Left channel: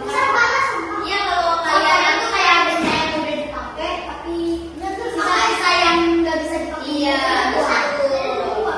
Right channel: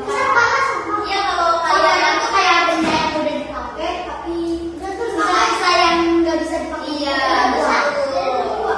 Iya, kalau kalian itu kayak benda yang udah dipakai tapi sisa yang nggak bisa dipakai. Iya, betul.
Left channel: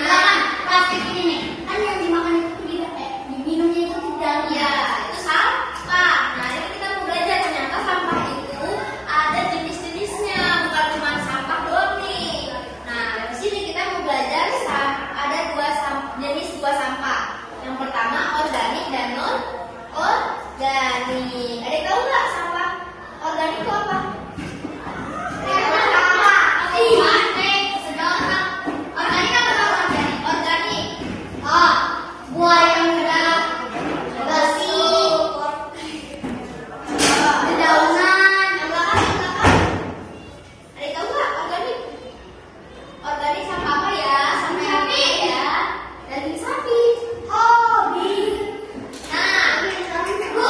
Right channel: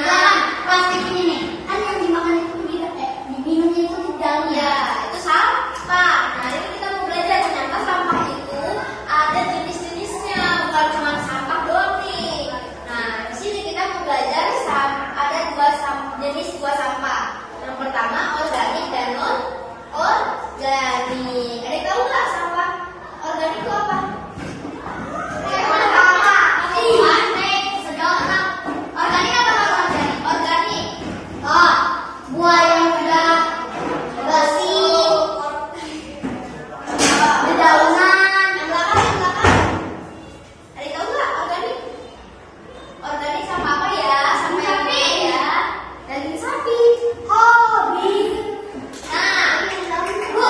Nah, plastik ini nih, kan yang dimakan itu diminumnya itu di dalam. Ya, itu sampah. Nah, itu kita mau belajar ternyata sampah itu ada jenis-jenisnya, bukan cuma sampah doang nih. Nah, di sini kita mau belajar ada jenis dua sampah. Yang pertama organik dan non organik. Ada tahu nggak sampah organik itu apa? Organik apa organik? Organik. Oh, buah yang udah bersih, dedaunan. Ada tahu nggak organik? Organik sama apa ya? Sama sapi ya. Daging sapi. Hobi. Nah, Bu,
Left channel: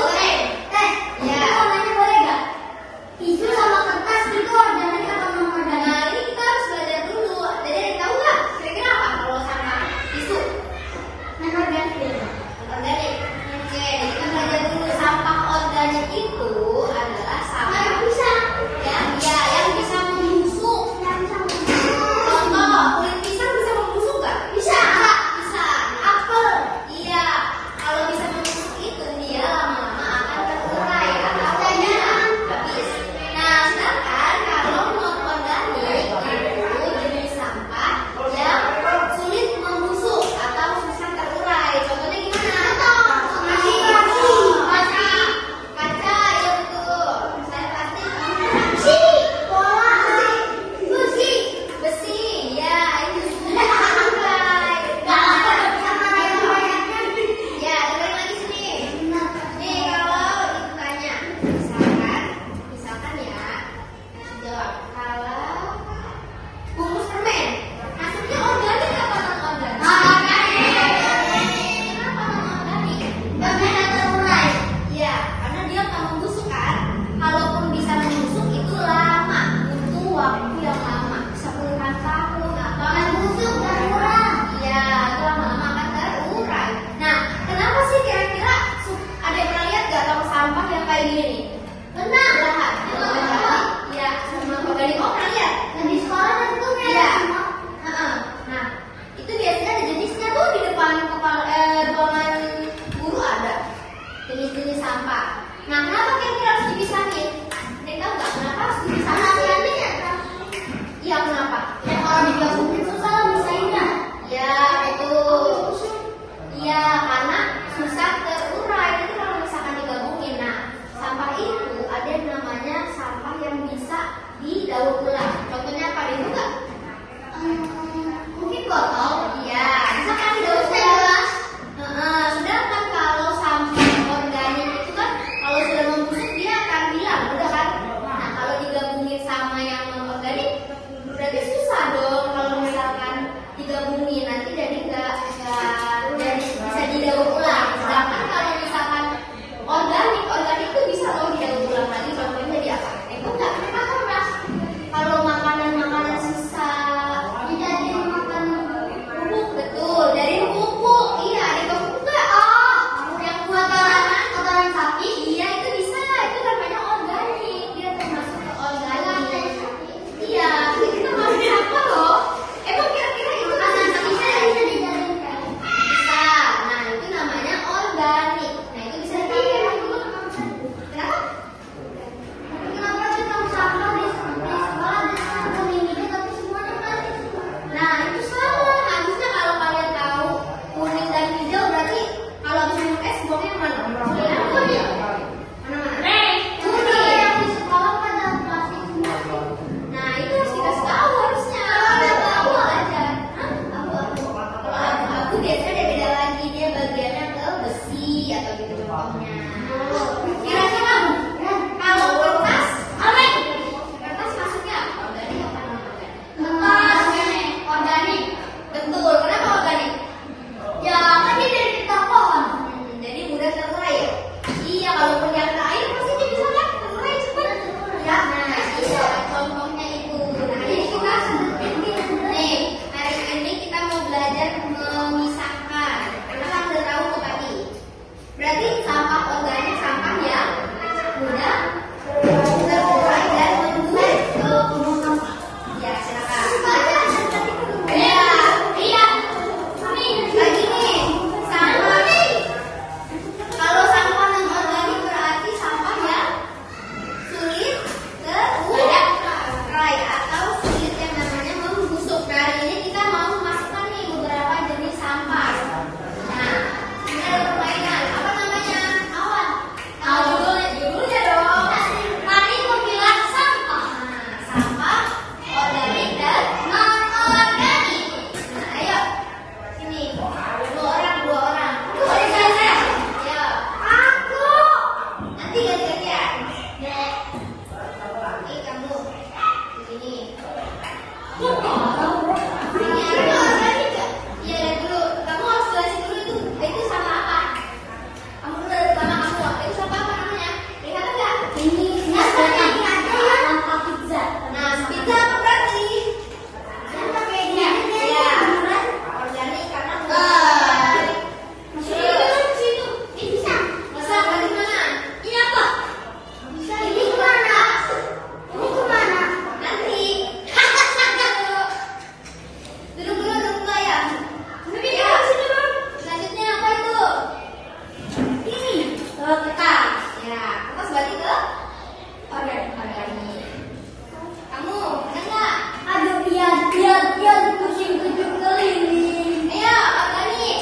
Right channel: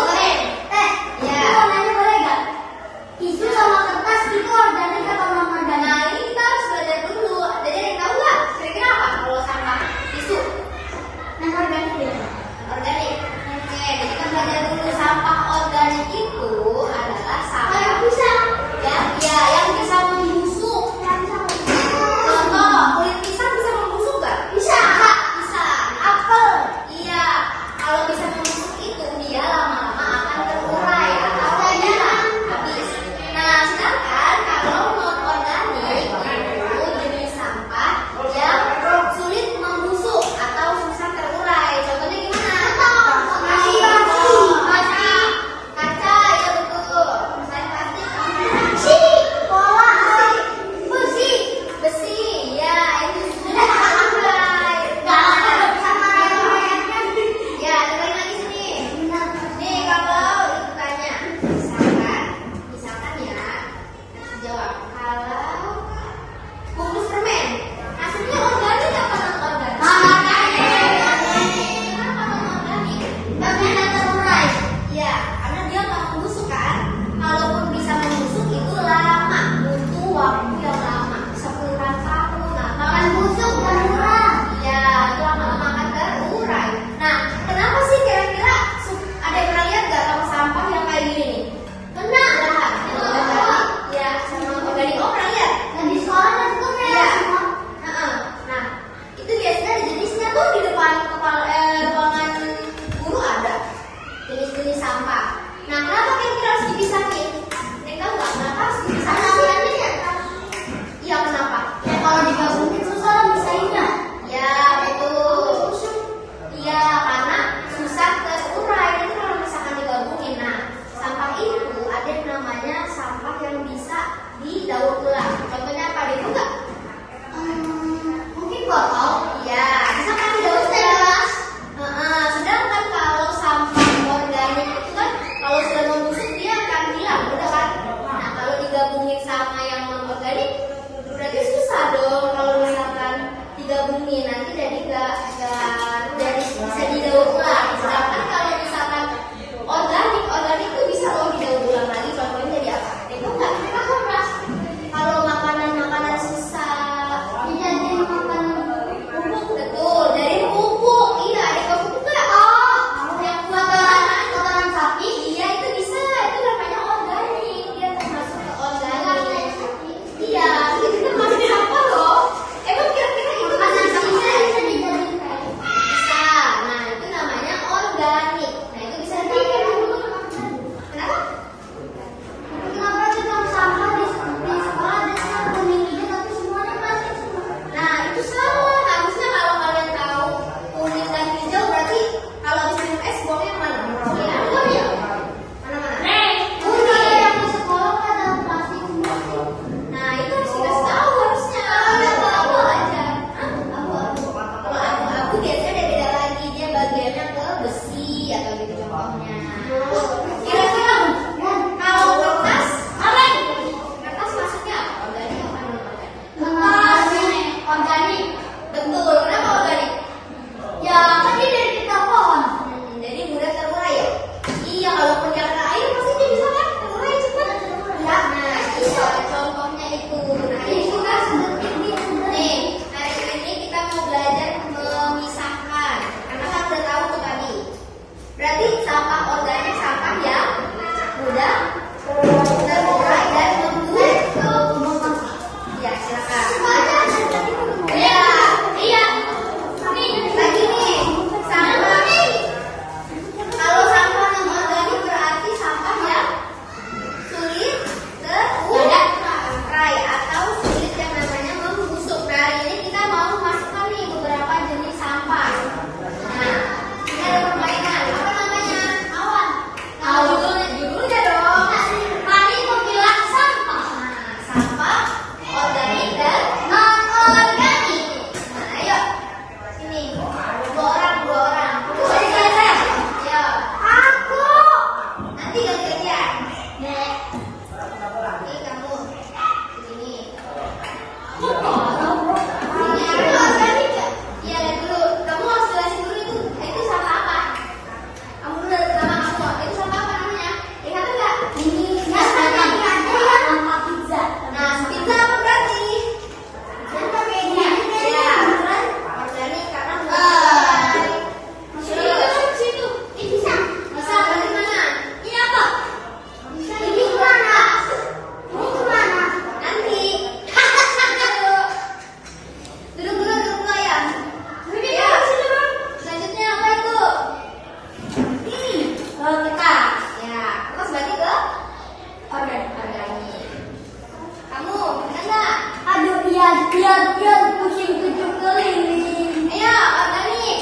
biar pusing 7 keliling. Ayo, Dani.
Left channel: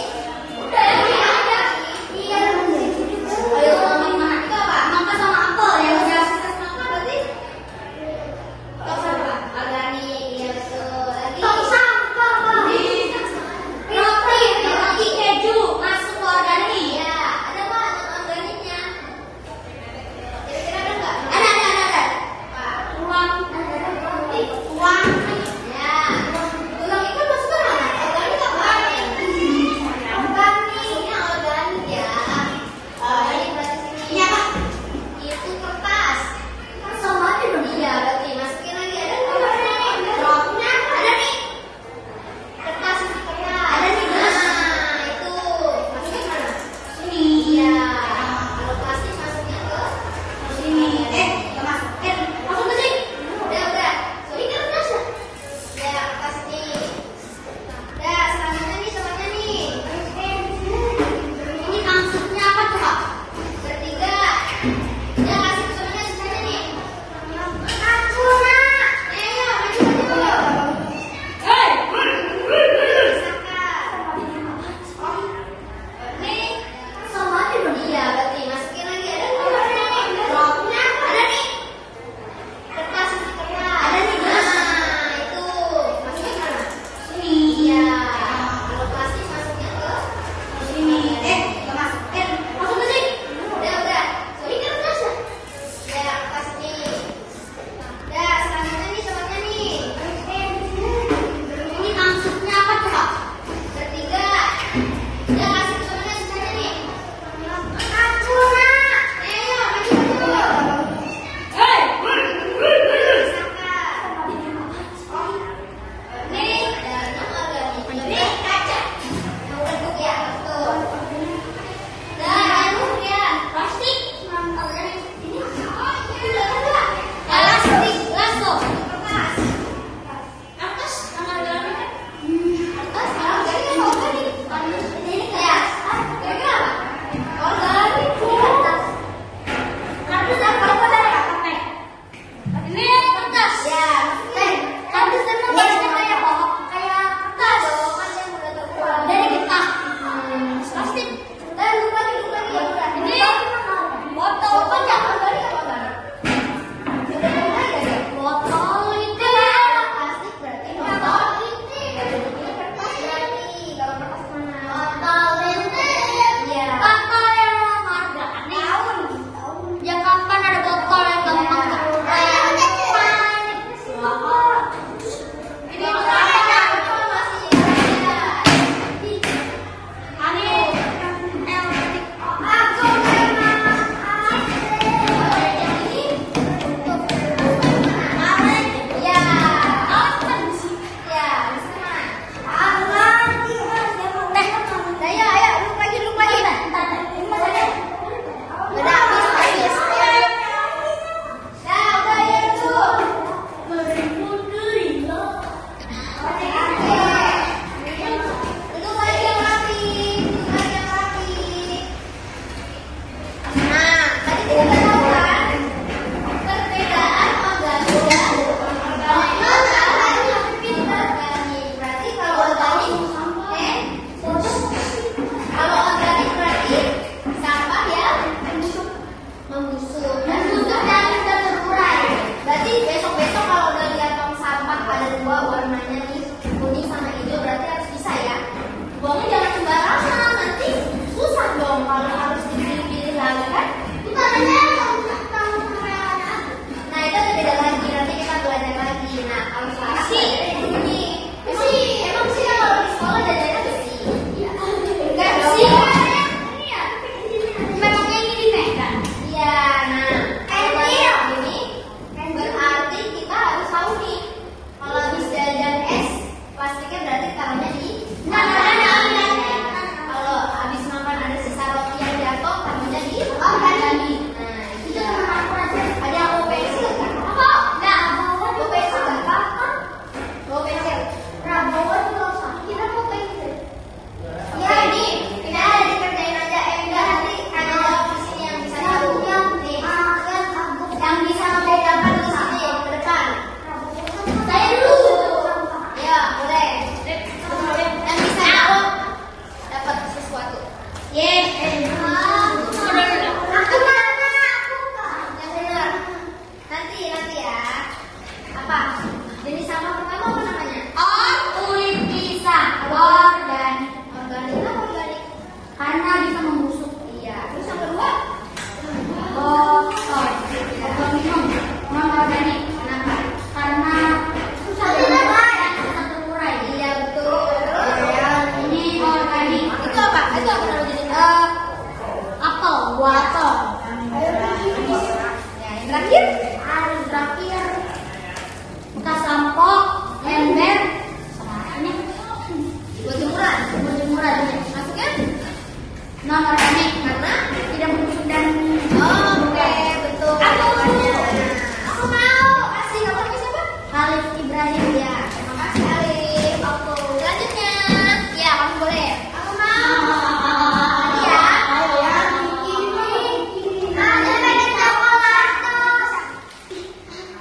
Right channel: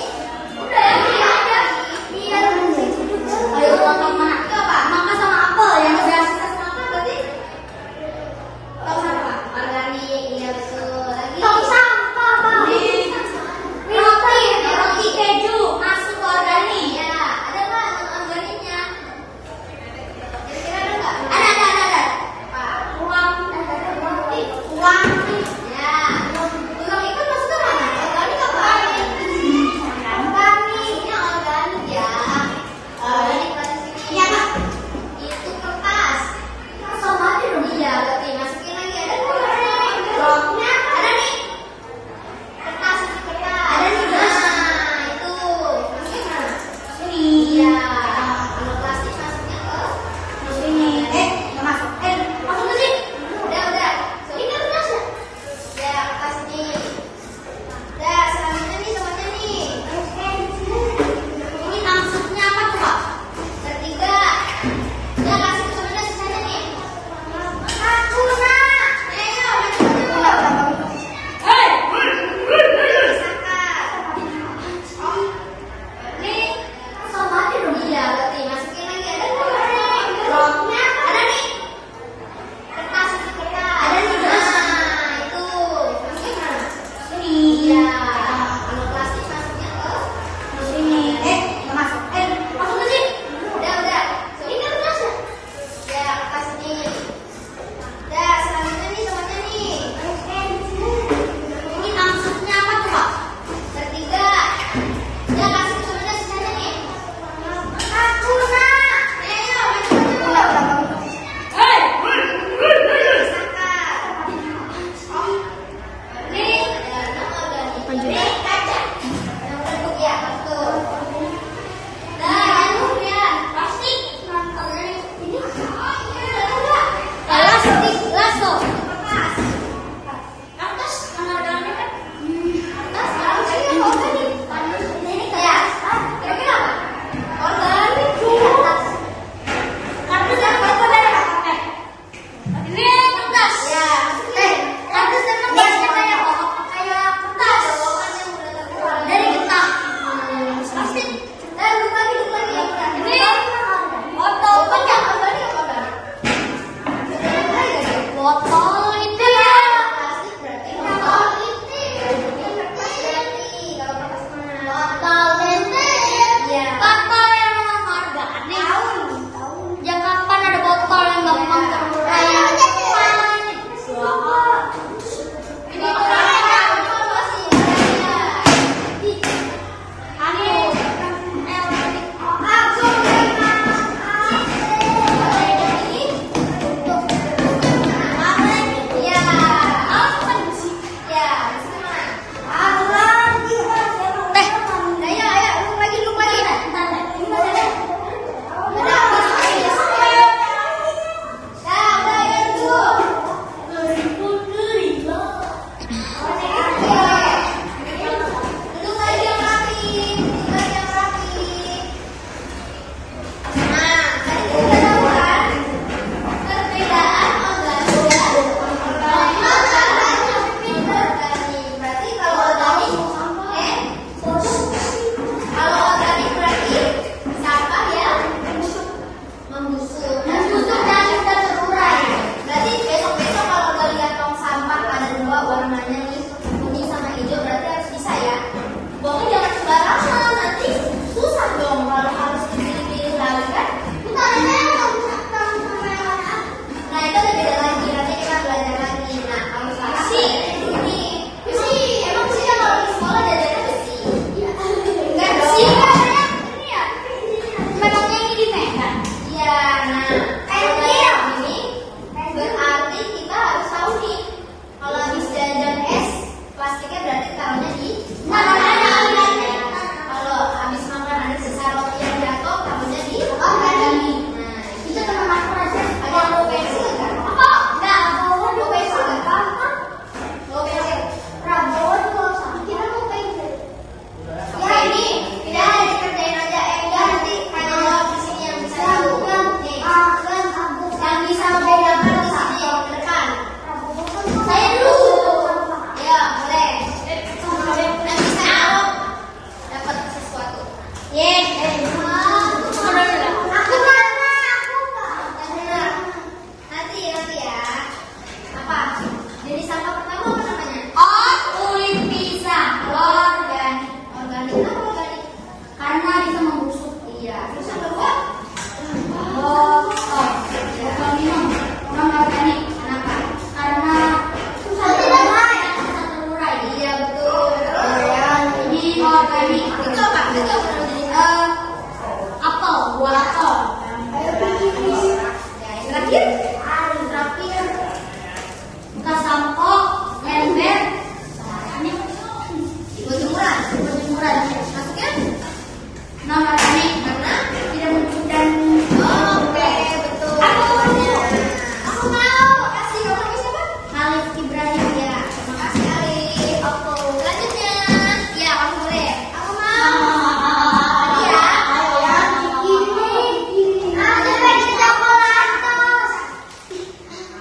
Udah ya, iya. Iya, pusing 7 keliling. Ayo ngomong mana? Itu apa? Mangga sama apel yang saya sama apa berarti? Oh, sama. Organik, iya betul. Lagi. Tong sampah, Bang. Roti keju masuk ke organik. Ya, ada nggak organiknya? Kira-kira ada nggak? Ada. Uang. Ya. Uang itu maksudnya mana? Organik apa? Organiknya organik ya. Organik ini apa? Itu kertas. Sama aja dong. Iya, berarti masukin lagi ada roknya. Ada nih. Kertas. Ada nih gelas. Nah, itu. Masukin mana? Iya. Kalau plastik masuknya ke sini. Masuk. Masuk ke sini. Udah. Ini kan masuk. Ya, kasih sini. Udah, selanjutnya nih semuanya nih. Ini maksudnya apa tuh, Kak? Bertiga. Ya, kasih ke semuanya sisanya nih. Satu, Nak. Ayo, maju dulu. Hei. Saka. Ini sama aja dong. Iya, berarti masukin lagi ada roknya. Ada nih. Kertas. Ada nih gelas. Nah, itu. Masukin mana? Iya. Kalau plastik masuknya ke sini. Masuk. Masuk ke sini. Udah. Ini kan masuk. Ya, kasih sini. Udah, selanjutnya nih semuanya nih. Ini maksudnya apa tuh, Kak? Bertiga. Ya, kasih ke semuanya sisanya nih. Satu, Nak. Ayo, maju dulu. Hei. Saka. Ini ada ini kaca. Yang bentuk ya, betul. Anu ya, plastik. Ini gelas tuh. Kertas mana dalamnya kan? Kertas harusnya organik. Ini kayak kira-kira apa? Organik kertas. Kertas apa dari pakai? Ini kertas. Ya, kertas kan bahannya kayak apa? Kayak kertas. Dari kertas. Plastik. Lupa lagi yang udah. Ini foto panjang. Organik apa enggak? Botol itu ya. Plastik berarti botol ini kertas dari kalau kertas mana? Botol ini. Iya. Botol yang harga tahun. Yang kapan ada botol yang gampang? Kayak siapa? Ini warnanya nih kuning sama hijau berarti harus bisa ya. Pokoknya jangan sembarangan, nanti susah dong kalau harus dipilih lagi kan. Kita ada nah itu ada beda lagi, nanti kita belajar lagi. Nah kalau besi emang sih kalau di sekolah belajarnya besi. Enggak besi kan ini ya, memangnya ini kan? Iya, nah kalau ini berarti kita harus tahu nih. Kalau habis jajan es, plastiknya berarti taruhnya di makanan. Kalau habis makan ada sisa roti yang jatuh, taruhnya di organik. Nah, itu teman aku aja. Ada bawa pensil kan? Oh, enggak. Bawa pensil kan? Bawa pensil. Nah, bawa dulu. Kira bawa pensil. Ya ini, tidak ada dikerjain aja. Enggak, nanti hanya di sini yang bisa tahu. Yang bisa menjadi apa di sini ke depan. Saya dulu. Ya, organik itu apa? Itu apel, buah apel. Terakhir kita sampo, ember, ini buah maksudnya nama organik karena tidak muncul dan oke betul. Aku mau kasih nama siapa? Khalif Ibrahim ya. Makasih Khalif. Oke. Selanjutnya ya kamu boleh. Aku mau ya. Ini. Ada beda coklat.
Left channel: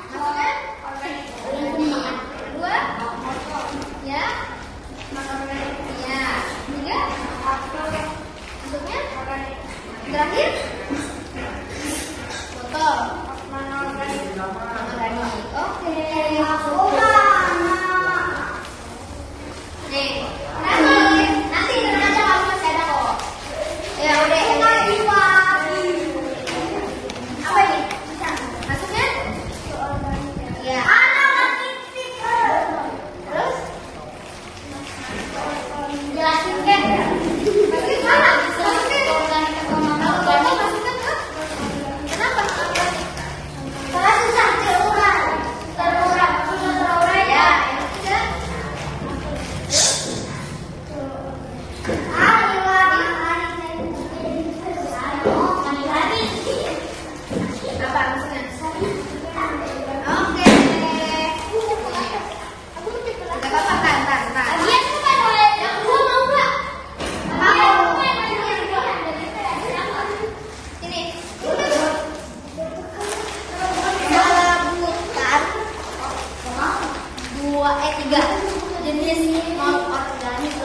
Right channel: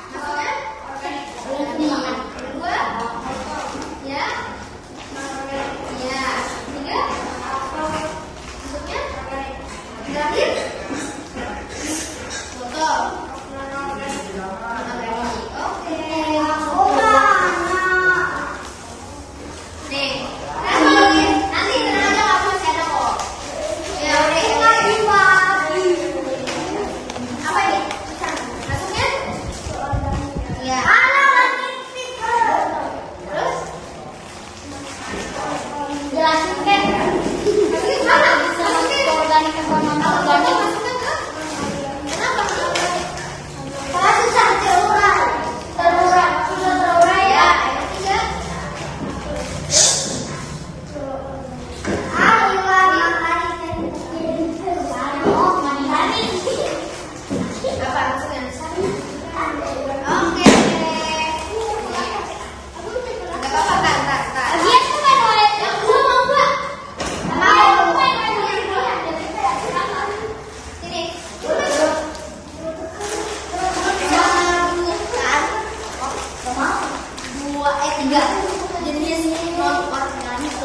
Maksudnya organik. Ini kedua ya. Ya. Tiga. Maksudnya terakhir. Tiga jenis non organik.